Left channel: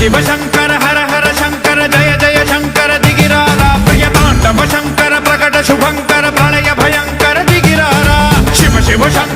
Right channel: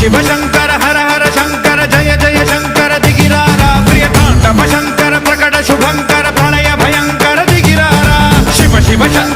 शिव शंकर हर हर शंकर जय जय शंकर दिगिरारा प्रिय तांडव शंकर प्रकट शुभंकर प्रलय भयंकर दिगिरारा शिव शिव शंकर